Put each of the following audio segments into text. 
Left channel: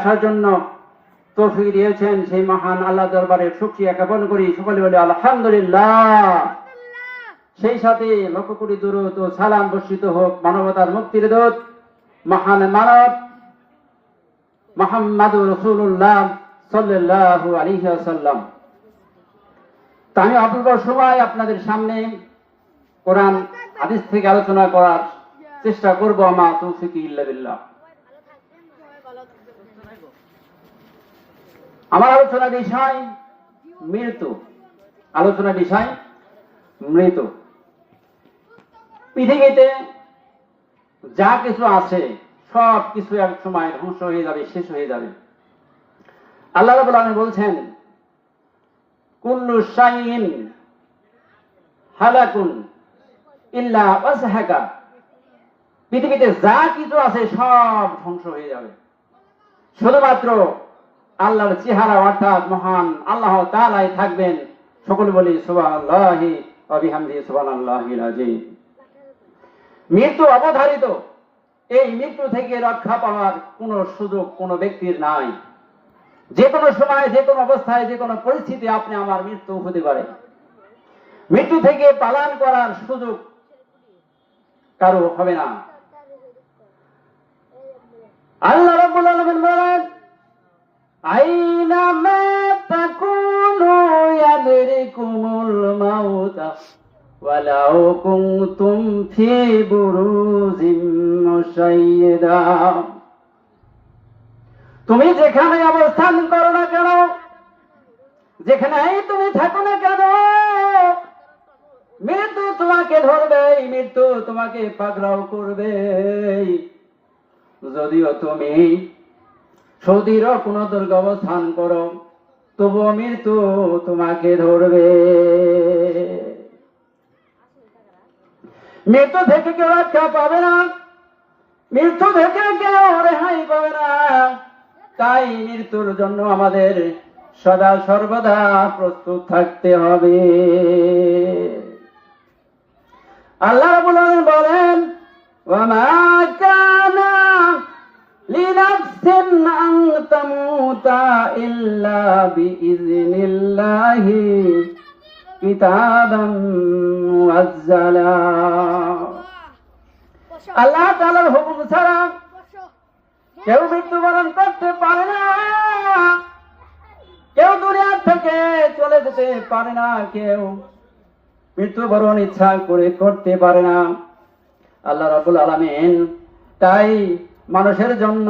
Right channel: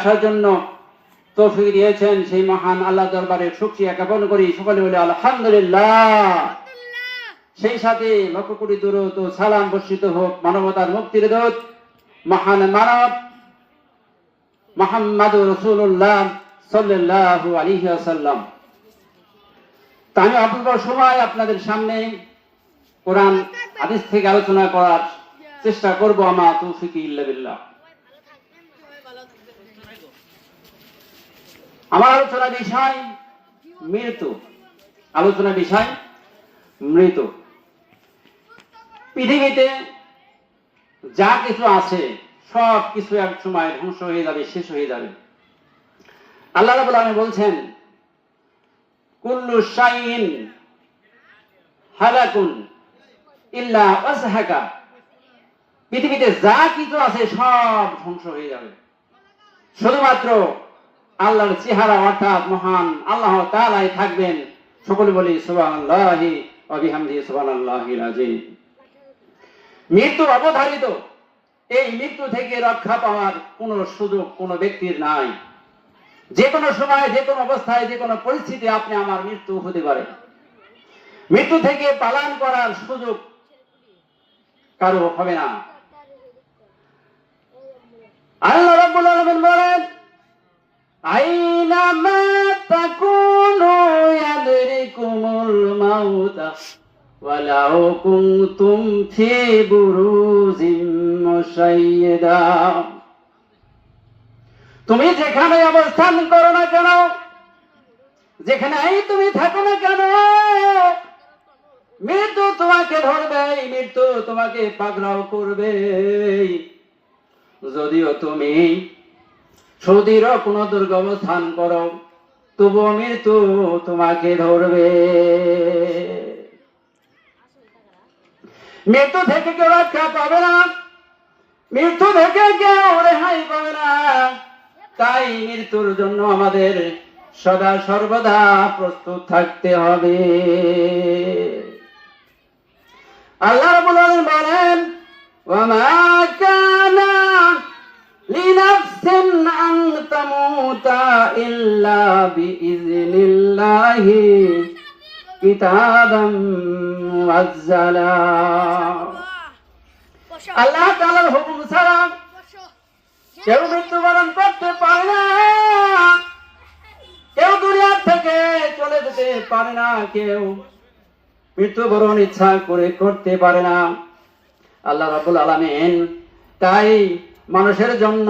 আসার জন্য তৌফিক দিয়েছেন, সেই মহান আল্লাহ দরবারে শুকরিয়া জ্ঞাপন করি। সকলে বলে আলহামদুলিল্লাহ। সেই সাথে লক্ষ কোটি দুরূদ ও সালাম বর্ষিত হোক মানবতার মুক্তির দূত মহান মানব মুহাম্মদুর রাসূলুল্লাহ সাল্লাল্লাহু আলাইহি ওয়াসাল্লাম। আমি অল্প সময় আপনাদের সামনে কোরআন হাদিস থেকে আলোচনা করার চেষ্টা করব। আমার তৌফিক ইল্লা বিল্লাহ। আমার আলোচনা বিষয় মৃত্যু। আলোচনা বিষয় মৃত্যু। পৃথিবীতে যা কিছু আছে সব কিছু এক সময় ধ্বংস হয়ে যাবে, শেষ হয়ে যাবে। আল্লাহ রাব্বুল আলামিন বলছেন, কুল্লু শাইইন হালাকুন ইল্লা ওয়াজহাকা। পৃথিবীতে যা কিছু আছে সব ধ্বংস হয়ে যাবে, শুধুমাত্র আল্লাহর চেহারা অর্থাৎ মহান আল্লাহ তাআলাই থাকবেন। সকলে বলি সুবহানাল্লাহি ওয়া বিহামদিহি সুবহানাল্লাহিল আযীম। মৃত্যু অবধারিত। এই মৃত্যু থেকে রক্ষা পাওয়ার কোন সুযোগ কোন ব্যক্তির নাই। যে কোনো সময়, যে কোনো অবস্থায়, যে কোনো পরিস্থিতি আপনি আমার মৃত্যু হতে পারে। মৃত্যু থেকে পালান করার সুযোগ কারো হবে না। আল্লাহ রাব্বুল আলামিন বলেন, আইনামা তাকুনু ইয়াদরিকুমুল মাউত ওয়ালাউ কুনতুম ফি বুরুজিম মুশাইয়্যিদা। তুমি যেখানে অবস্থান করো না কেন, যেখানেই তুমি থাকো না কেন, মৃত্যু তোমাকে ধরবে, মৃত্যু তোমাকে পাকড়াও করবে। যদিও তুমি সৌদির কোন দুর্গ অবস্থান করো, তবুও মৃত্যু তোমাকে ধরবে। মৃত্যু থেকে কেউ রক্ষা পাবে না, মৃত্যু থেকে কেউ রেহাই পাবে না। তাই মৃত্যুর জন্য আমাদের সদা সর্বদা প্রস্তুত থাকতে হবে। আল্লাহ রাব্বুল আলামিন বলেন, ওয়া মা কানা লিনাফসিন আন তামুতা ইল্লা বিইজনিল্লাহি কিতাবাম মুআজ্জালা। আল্লাহ তাআলার হুকুম ছাড়া কেউ মৃত্যুবরণ করতে পারে না, কেউ দুনিয়া থেকে চলে যেতে পারে না, কেউ মৃত্যুবরণ ইচ্ছা করে করতে পারে না। আল্লাহ রাব্বুল আলামিন তাই মানুষের জন্য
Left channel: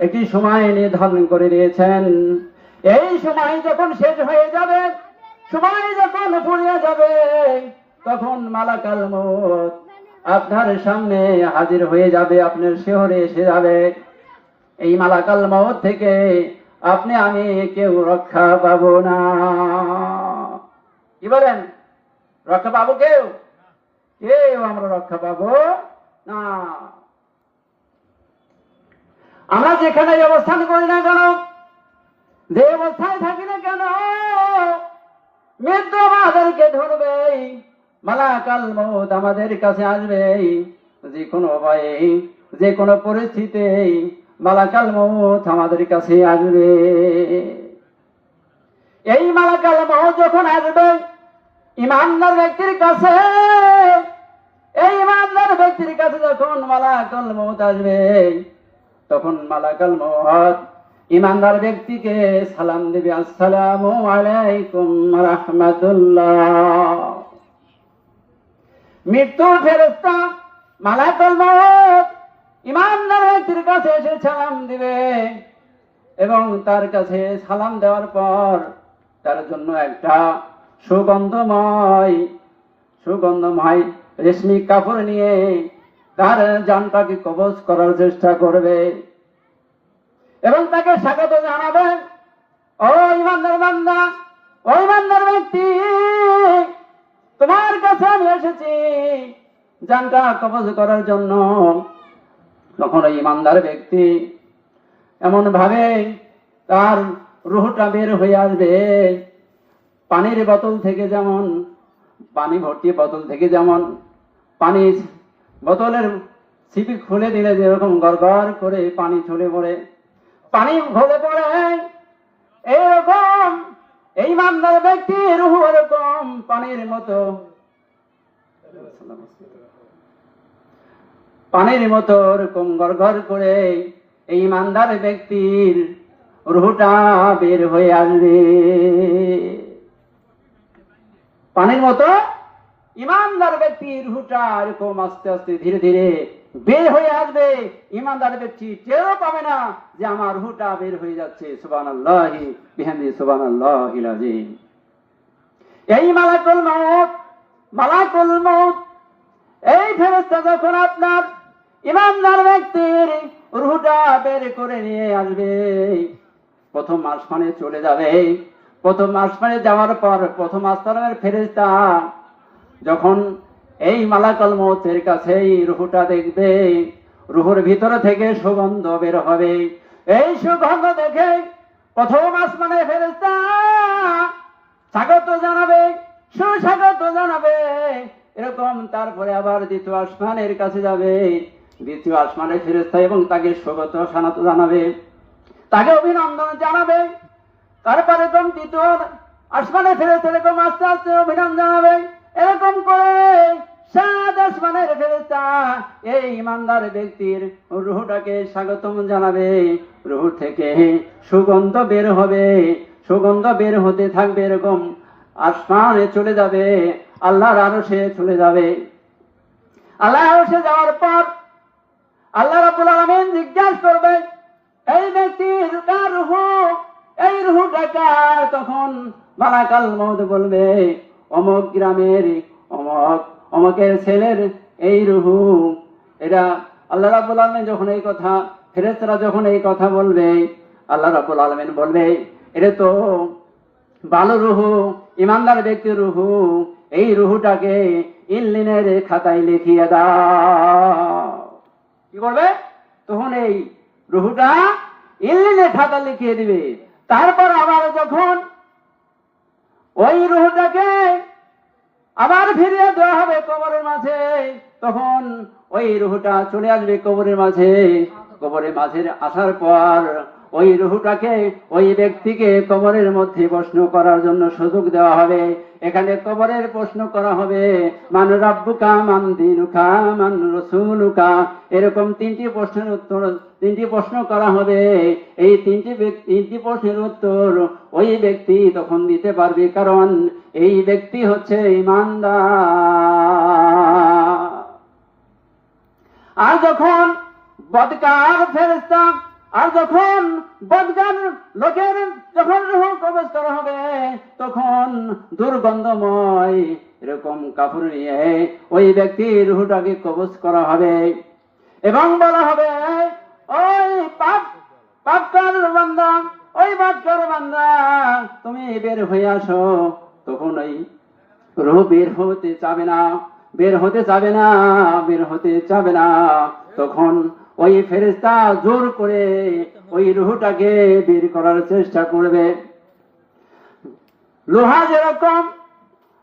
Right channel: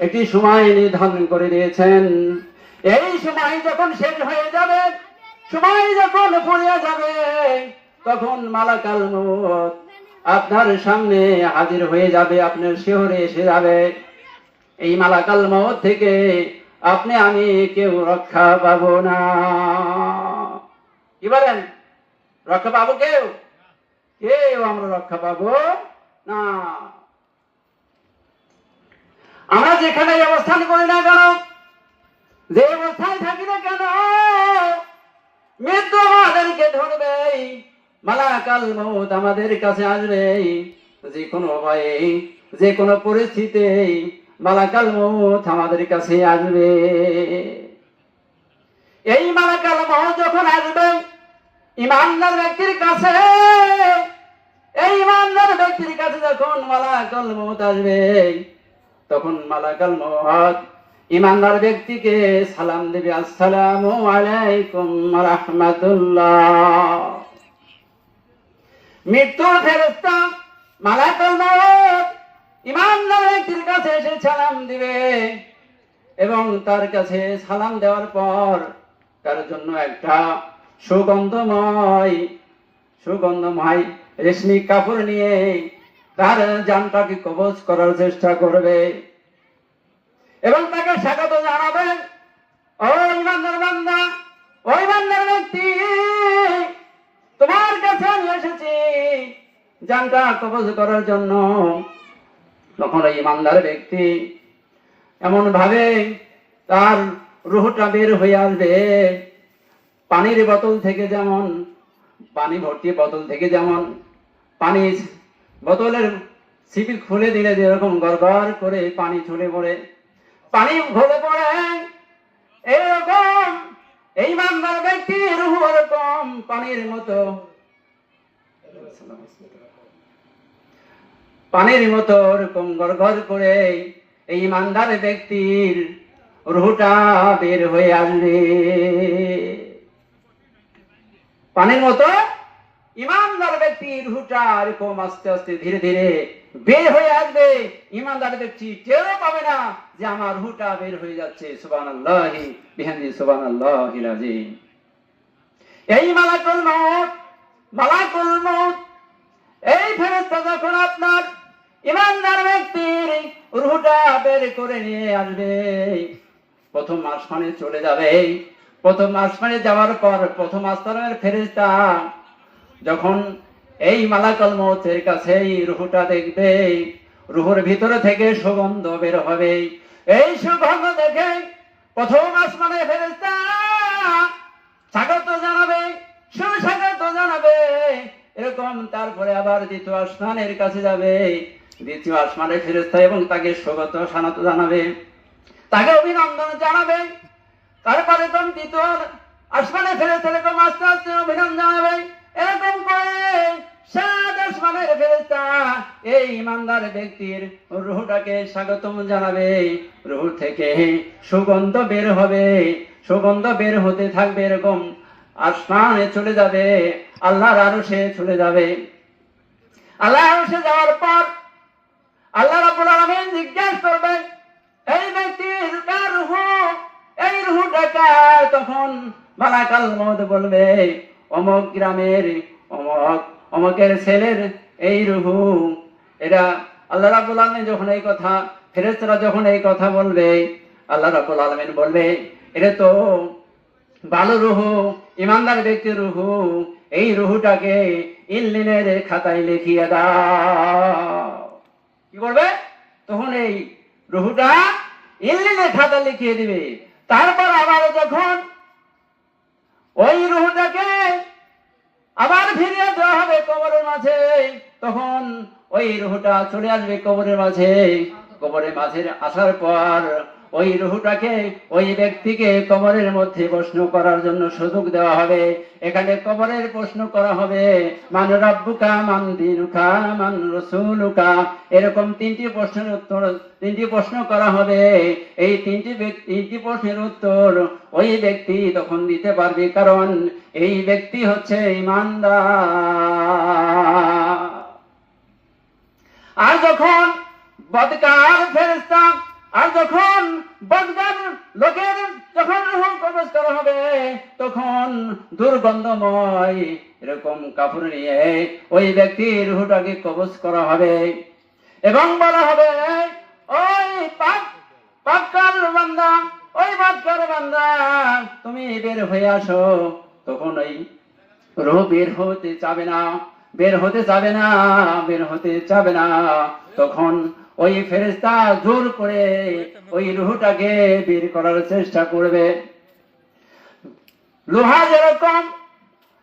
একটি সময় নির্ধারণ করে দিয়েছেন। এই সময় যখন শেষ হয়ে যাবে, সময় যখন ফুরিয়ে যাবে, তখন মালাকাল মউত আপনার সামনে হাজির হয়ে যাবে, আপনার শিহরে এসে যাবে। এই মালাকাল মউত থেকে আপনি আমি কেউ রক্ষা পাবো না। কি বলেন? রক্ষা পাবো কেউ? কেউ আমরা রক্ষা পাবো না। আমরা যেখানে অবস্থান করি না কেন, যে অবস্থায় থাকি না কেন, মৃত্যু আমাদেরকে ধরবে, মালাকাল মউত আমাদের কাছে আসবে। যে কোনো উপায়ে, যে কোনো পরিস্থিতিতে মালাকাল মউত আমাদের কাছে আসবে। এই মালাকাল মউত যখন আসবে ঈমানদার ব্যক্তির কাছে, এই ঈমানদার ব্যক্তির কাছে যখন মালাকাল মউত আসবে, তখন মালাকাল মউত ঈমানদার ব্যক্তিকে সালাম দেবে, আসসালামু আলাইকুম ওয়া রাহমাতুল্লাহ। মৃত্যু ফেরেশতা মালাকুল মউত ঈমানদার ব্যক্তির কাছে এসে সালাম দিবে, এবং তার কাছে সালাম দেওয়ার পর তার জন্য একটা সুগন্ধময় রেশমি কাপড় নিয়ে তার জানটাকে কবজ করার চেষ্টা করবে এবং তাকে স্বাগত জানাবে, ও ঈমানদার বান্দা, ও ঈমানদার ব্যক্তি, তোমার কাছে আমি এসেছি জানটা কবজ করার জন্য। তখন এই ঈমানদার ব্যক্তি এমন ভাবে তার রূহটা বের হয়ে আসবে, পানির বোতল থেকে যেমন, পানি ভর্তি বোতল থেকে যেমন পানি বোতলের সিপি খুলে দিলে যেরকম গড়গড় করে পানি ছড়ে পড়ে, পানি ঘলে পড়ে, এরকম এই ইমানদার ব্যক্তির রূহ এরকম পানির মতো, পানির মতো এরকম গড়গড় করে এই ইমানদার ব্যক্তির রূহটা বের হয়ে আসবে। পানির মতো ইমানদার ব্যক্তির রূহটা এরকম আস্তে আস্তে ধীরে ধীরে বের হয়ে আসবে। ইমানদার ব্যক্তি টেরও পাবে না যে আমার রূহটা বের হয়ে যাচ্ছে। সুবহানাল্লাহি বিহামদিহি, সুবহানাল্লাহিল আযীম। এই মালাকুল মউত এই ফেরেশতা যখন আপনার ইমানদার ব্যক্তির রূহটা বের করে নিয়ে আসবে, প্রথম আসমানে চলে যাবে। প্রথম আসমানে যাওয়ার পর প্রথম আসমানের ফেরেশতা যখন এই মালাকুল মউতের কাছে এই রূহটা দেখবে, রূহের ভিতর থেকে সুগন্ধ বের হবে। এই সুগন্ধ দেখে প্রথম আসমানের ফেরেশতা স্বাগত জানাবে, সুস্বাগত জানাবে। এরকম তারপরে আবার দ্বিতীয় আসমানের কাছে যাবে, দ্বিতীয় আসমানের ফেরেশতা এবং তাকে স্বাগত জানাবে, তাকে অভিনন্দন জানাবে। তারপরে এরকম তৃতীয় আসমানের ফেরেশতা এরকম আস্তে আস্তে অভিনন্দন জানাবে। এরকম করে 7 আসমানের ফেরেশতা এই ইমানদার ব্যক্তির রূহটাকে স্বাগতম জানাবে। রূহ থেকে সুগন্ধ বের হবে, সুগন্ধ বের হতে থাকবে। এরকম আসমানে চলে যাবে, আল্লাহর আরশে চলে যাবে। আল্লাহর আরশে যাওয়ার পর আল্লাহ রাব্বুল আলামিন জিজ্ঞাসা করবেন, এই ব্যক্তির কার রূহ, এই রূহটা কার? তখন মালাকুল মউত বলবে, অমুক গ্রামের অমুকের ছেলের এই রূহ। এটা আল্লাহ রাব্বুল আলামিন যখন এই কথা, ফেরেশতারা যখন এই কথা বলবে, আল্লাহ রাব্বুল আলামিন বলবে, এটা তো ভালো রূহ, ইমানদার ব্যক্তির রূহ, এই রূহটাকে ইল্লিনের খাতায় লিখিয়ে দাও। কি করবে? তখন এই রূহটা ইল্লিনের খাতা লিখিয়ে দিবে। তারপর আবার যখন ওই রূহটাকে আবার ফিরিয়ে দেওয়া হবে কবরের মাঝে, তখন ওই রূহটা চলে আসবে কবরের মাঝে। কবরের মাঝে আসার পর ওই রূহটাকে, ওই ব্যক্তিকে কবরের মধ্যে প্রশ্ন করার জন্য সুযোগ দেওয়া হবে। এখানে কবরের প্রশ্ন করা হবে, মান রাব্বুকা, মান দীনুকা, মান রাসূলুকা, এরকম 3টি প্রশ্নের উত্তর, 3টি প্রশ্ন করা হবে। এই 3টি প্রশ্নের উত্তর ওই ব্যক্তি তখন দিতে পারবে, কারণ এই ব্যক্তি হচ্ছে ঈমানদার। আর যখন বদকার ফেরেশতা, আর যখন বদকার লোকের যখন রূহ কবজ করা হবে, তখন দুর্গন্ধময় এরকম কাপড় নিয়ে ওই ব্যক্তির রূহটাকে কবজ করা হবে এবং বলা হবে, ওই পাপকার বান্দা, ওই বদকার বান্দা, তুমি বের হয়ে আসো। তখন ওই রূহ বের হতে চাবে না, বের হতে চাবে না, বের হতে চাবে না। তখন ওই ফেরেশতা জোর করে ওই রূহটাকে বের করার চেষ্টা করবে। লোহা যেরকম,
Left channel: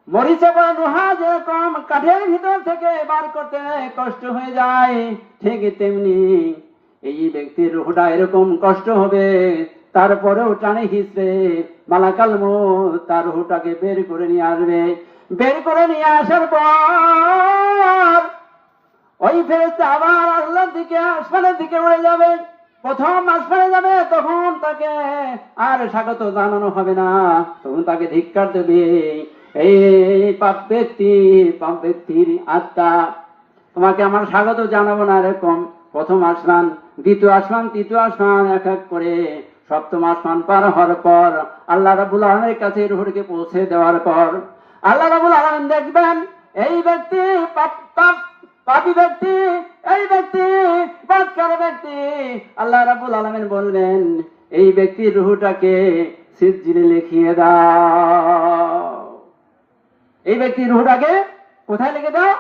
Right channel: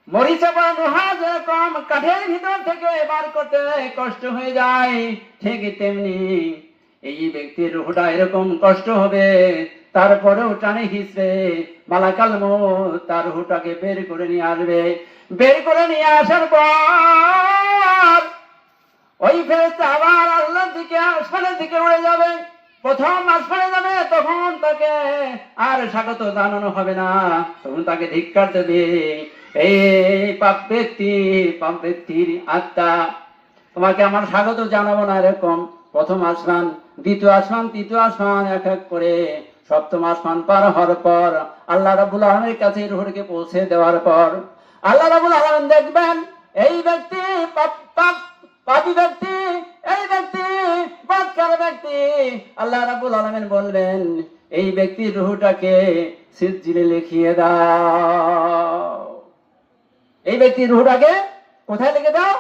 মরিচা বা লোহা যেরকম কাঠের ভিতর থেকে বার করতে কষ্ট হয়ে যায়, ঠিক তেমনি এই ব্যক্তির রূহটা এরকম কষ্ট হবে, তারপরেও টানে হিসড়ে মালাকুল মউত তার রূহটাকে বের করে নিয়ে আসবে। বের করে নিয়ে আসার পর ওই ফেরেশতা আবার আল্লাহর দিকে, আসমানের দিকে উড়ে যাবে। প্রথম আসমানে যাবে, তখন তাকে আর স্বাগত জানানো হবে না, তখন তাকে ধিক্কার দেবে, এই পাপ ব্যক্তির আত্মা, তোমাকে আমার স্বাগত জানাবো না। এরকম প্রথম আসমান, দ্বিতীয় আসমান, তৃতীয় আসমান, এক এক করে সপ্তম আসমান পার হওয়ার পর আল্লাহ রাব্বুল আলামিনের কাছে রূহকে পৌঁছে দেওয়ার পর আল্লাহ রাব্বুল আলামিন দেখবেন, এই ব্যক্তি পাপী ব্যক্তি, এই ব্যক্তি বদকার ব্যক্তি। আল্লাহ রাব্বুল আলামিন বলবেন, এই ব্যক্তির রূহটাকে সিজিলে লিখিয়ে দাও। এই ব্যক্তির রূহটাকে কোথায় লিখে দাও?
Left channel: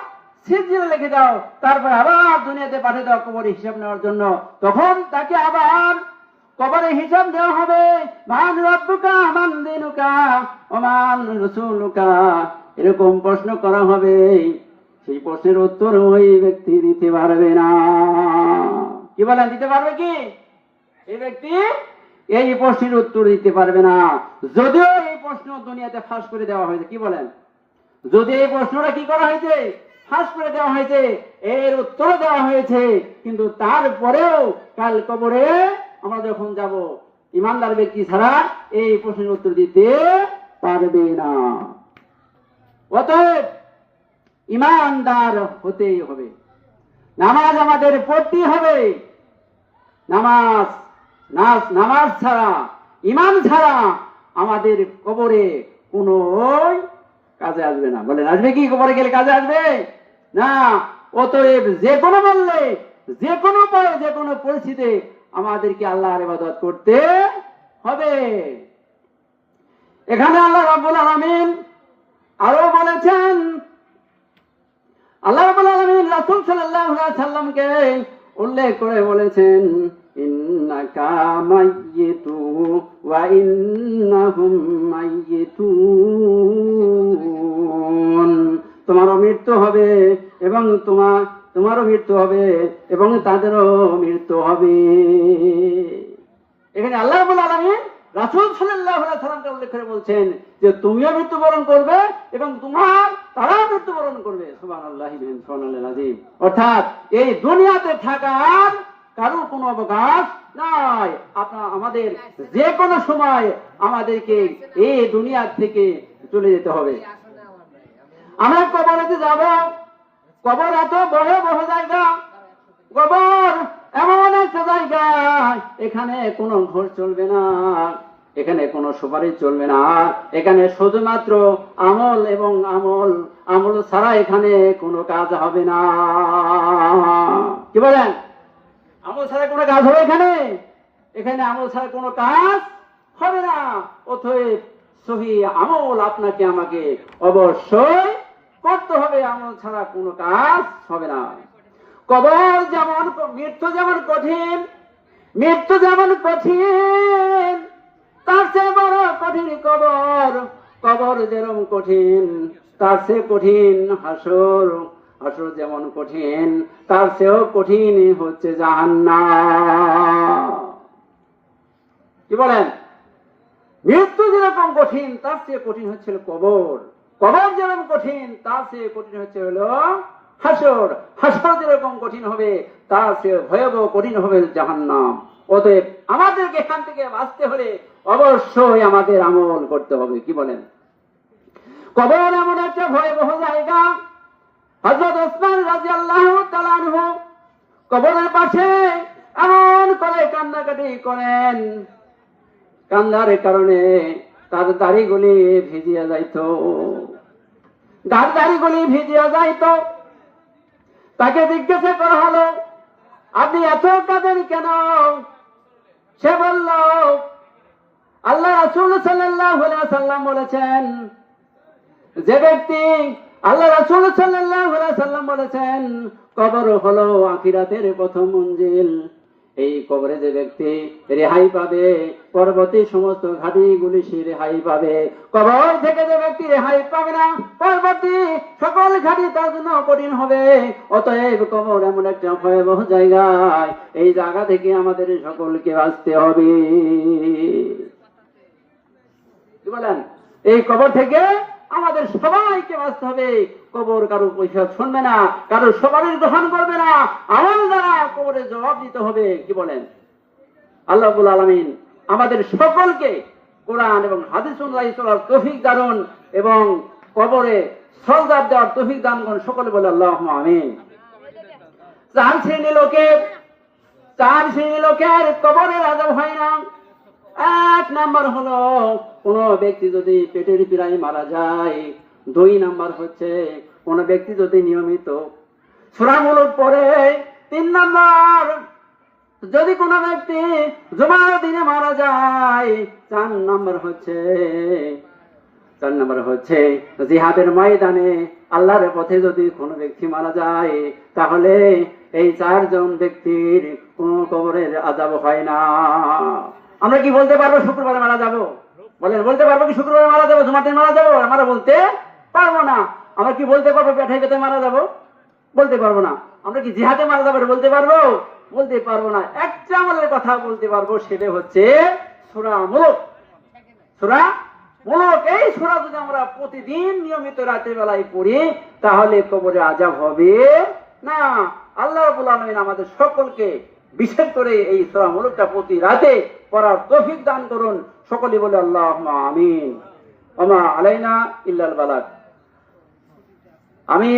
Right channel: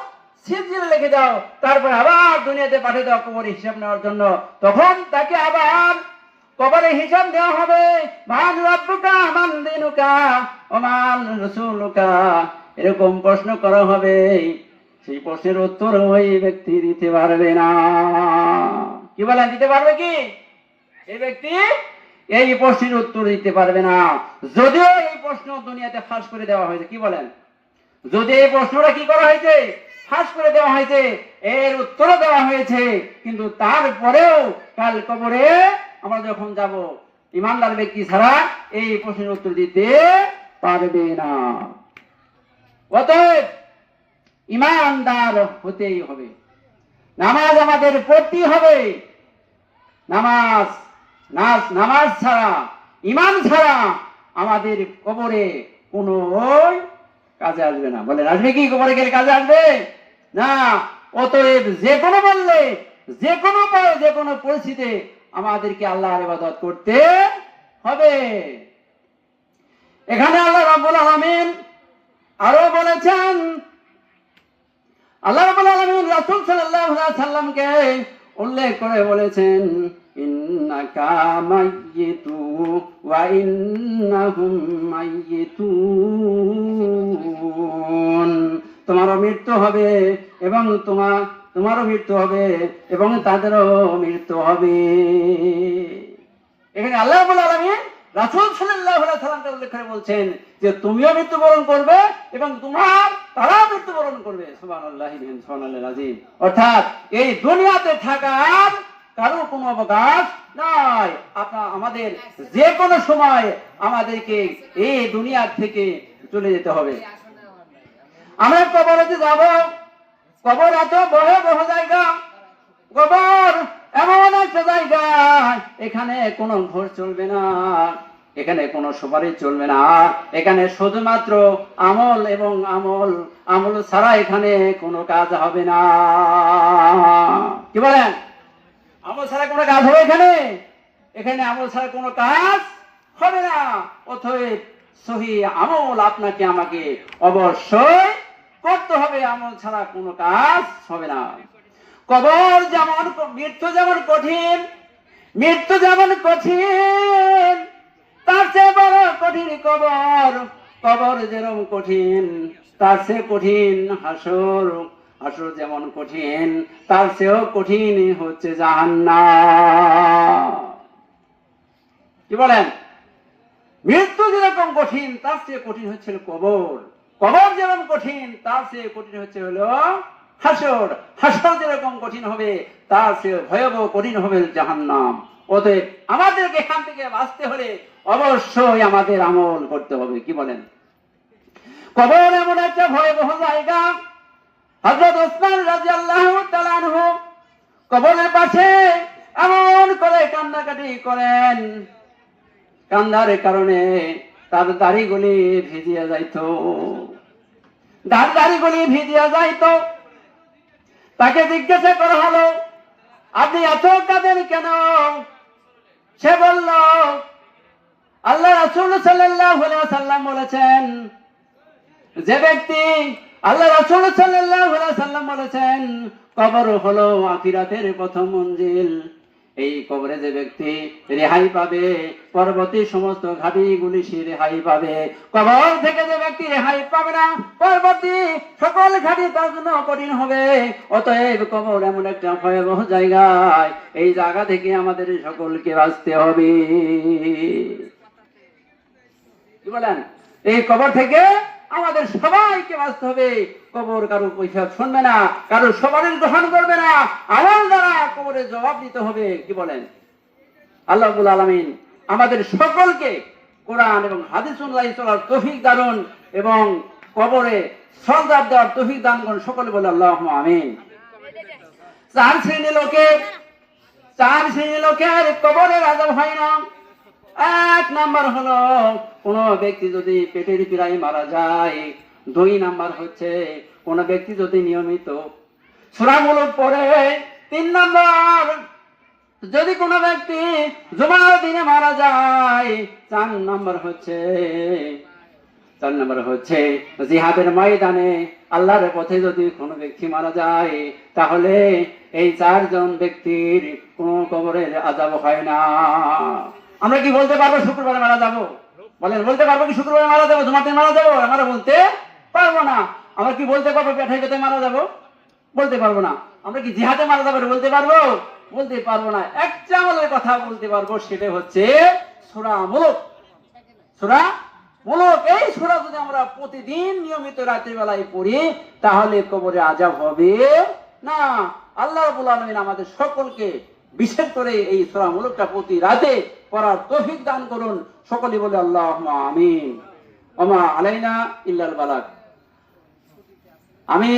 সিজিলে লিখে দাও। তারপর আবার দুনিয়াতে পাঠিয়ে দাও কবরে হিসাব নেওয়ার জন্য। তখন তাকে আবার কবরে হিসাব দেওয়া হবে, মান রাব্বুকা, মান দীনুকা, ওমান রাসূলুকা, এরকম প্রশ্ন করা হবে। সেই প্রশ্নের উত্তর ওই ব্যক্তি দিতে পারবে না। কি বলেন, দিতে পারবে কি? এই ব্যক্তি এই প্রশ্নের উত্তর দিতে পারবে না। যদিও এই প্রশ্ন দুনিয়াতে ফাঁস করে দেওয়া হয়েছে, কি বলেন, যদি এই প্রশ্নটা কি করা হয়েছে, ফাঁস করে দেওয়া হয়েছে, এর উত্তর দেওয়া হয়েছে, কিন্তু তারপরেও কাল কবরে আমরা যখন যাব, ইমানদার ব্যক্তি ছাড়া এই প্রশ্নের উত্তর দিতে পারবে না। অতএব ইমানদার হতেই হবে, নামাজ আমাদের পড়তে হবে। নামাজ ছাড়া, ইমান ছাড়া আমাদের কবরে কোনো কাজে আসবে না। বলেন, আসবে কি? কবরে গেলে কাজে আসবে না। অতএব যে কোনো বললে, যে কোনো উপায়ে, যে কোনো পরিস্থিতিতে আমাদেরকে আল্লাহর ইবাদত করতে হবে। এখানে আল্লাহ রাব্বুল আলামিন আরো বলেছেন, আল্লাহ রাব্বুল আলামিন রাসূল সাল্লাল্লাহু আলাইহি সাল্লামকে উল্লেখ করে বলেছেন, ইন্নাকা মাইয়িতু ওয়া ইন্নাহুম মাইয়িতুন। তোমারও মৃত্যু হবে এবং তোমারও মৃত্যু হবে এবং তাদেরও মৃত্যু হবে। এখানে আল্লাহ রাব্বুল আলামিন রাসূল সাল্লাল্লাহু আলাইহি সাল্লামকে উল্লেখ করে বলছেন যে তুমিও মৃত্যুবরণ করবে এবং তারাও মৃত্যুবরণ করবে। সুবহানাল্লাহি সুবহানাল্লাহিল আযীম। অর্থাৎ এই দুনিয়াতে থাকার কারো কোনো অবকাশ নাই। আমাদের যে কোনো সময় আমাদেরকে এই দুনিয়া থেকে চলে যেতে হবে। আমরা কবরেতে যাব। কবর এত ভয়াবহ জায়গা, কবর এমন একটা জায়গা, এখানে কোনো ঘর চলবে না, এখানে কোনো সুপারিশ চলবে না, এখানে শুধুমাত্র আমল এবং আমল ছাড়া এখানে কোনো কাজ হবে না। কি বলেন? আমল ছাড়া কোনো কাজ হবে এখানে আমল ছাড়া কোনো কাজ হবে না। অতএব সহি আমল আপনাকে আমাকে অবশ্যই করতে হবে, আমল ছাড়া কোনো কাজ হবে না। কবর যেমন, মৃত্যু যেমন কঠিন, তার চেয়ে বড় কঠিন কবর যেরকম কঠিন, তার চেয়ে কঠিন হাসর যেমন কঠিন, তার চেয়েও কঠিন হচ্ছে জাহান্নাম। কি বলেন? মৃত্যু যেরকম কঠিন, তার চেয়ে কঠিন হচ্ছে কবর যেরকম কঠিন, তার চেয়ে কঠিন হচ্ছে হলো হাসর যেরকম কঠিন হবে, তার চেয়ে ভয়াবহ কঠিন হবে জাহান্নাম। অতএব আমাদেরকে এখান থেকে বাঁচতে হলে অবশ্যই আমাদের আমল করতে হবে। কি বলেন? কবর এমন একটা ভয়াবহ জায়গা। হযরত ওসমান রাদিয়াল্লাহু তাআলা আনহু কবরের পাশে এমন করে কান্নাকাটি করেন, কান্নার কারণে তার দাড়িগুলি ভিজিয়া যাইত। তাকে জিজ্ঞাসা করা হলো, আপনি এত কাঁদেন কেন? সে বলল, আল্লাহ রাসূল সাল্লাল্লাহু আলাইহি ওয়াসাল্লাম বলেছেন, যে ব্যক্তি, আল্লাহ রাসূল সাল্লাল্লাহু আলাইহি ওয়াসাল্লাম বলেছেন, কবর হলো আখিরাতের প্রথম মঞ্জিল। এই কবরে যে ব্যক্তি রেহাই পাবে, পরবর্তী সমস্ত ঘাটিগুলি সে রেহাই পাবে। কবর থেকে যে ব্যক্তি রেহাই পাবে না, পরবর্তী সকল ঘাটি তার জন্য কঠিন হবে। অতএব কবর এমন একটা ভয়াবহ জায়গায়, এই জায়গা থেকে আমাদের সকলকে বাঁচতে হবে। কি বলেন? এই কবর থেকে আমাদের সবাইকে বাঁচতে হবে। কবর কারো কৈফিয়ত শুনবে না, কারো সুপারিশ গ্রহণ করবে না, আমল দ্বারা কবরে জবাব দিতে হবে। কি বলেন? আল্লাহ রাব্বুল আলামিন আমাদের সকলকে কোরআন এবং হাদিস অনুযায়ী চলার তৌফিক দান এবং কবরে সওয়াব দেওয়ার তৌফিক দান করুন। সকলে বলে আল্লাহুম্মা আমিন। চার শ্রেণীর লোকের কবরের আযাব হয় না। এক নাম্বার হলো কোন ব্যক্তি যদি পেটের পীড়ায় মারা যায়। দুই নাম্বার হচ্ছে কোন ব্যক্তি যদি নিয়মিত সূরা মুলক পড়ে। তিন নাম্বার যদি কোন ব্যক্তি জুমার দিনে মারা যায়। চার নাম্বার হচ্ছে জিহাদের ময়দানে আল্লাহর পথে যদি কোন ব্যক্তি মারা যায়, তাহলে এই চারজন ব্যক্তির কোন কবরের আযাব হয় না। আমরা কি বলতে পারবো শুক্রবারে মারা যাবো? বলেন, বলতে পারবো কি শুক্রবারে মারা যাবো, জুমাতে মারা যাবো? আমরা বলতে পারবো না। আমরা কি বলতে পারবো পেটে মারা যাবো? বলতে পারবো না। আমরা কি জিহাদে মারা যাবো বলতে পারবো? বলতে পারবো না, একটা আমলের কথা বলতে পারবো, সেটা হচ্ছে সূরা মুলক। সূরা মুলক, এই সূরা যদি আমরা প্রতিদিন নিয়মিত রাতের বেলায় পড়ি তাহলে কবরে আযাব হবে না। আল্লাহ রাব্বুল আলামিন আমাদের সকলকে বিশেষ করে এই সূরা মুলকটা প্রতি রাতে পড়ার তৌফিক দান করুন। সকলে বলে আল্লাহুম্মা আমিন। ওয়া মা আলাইনা ইল্লাল বালাগ। আমি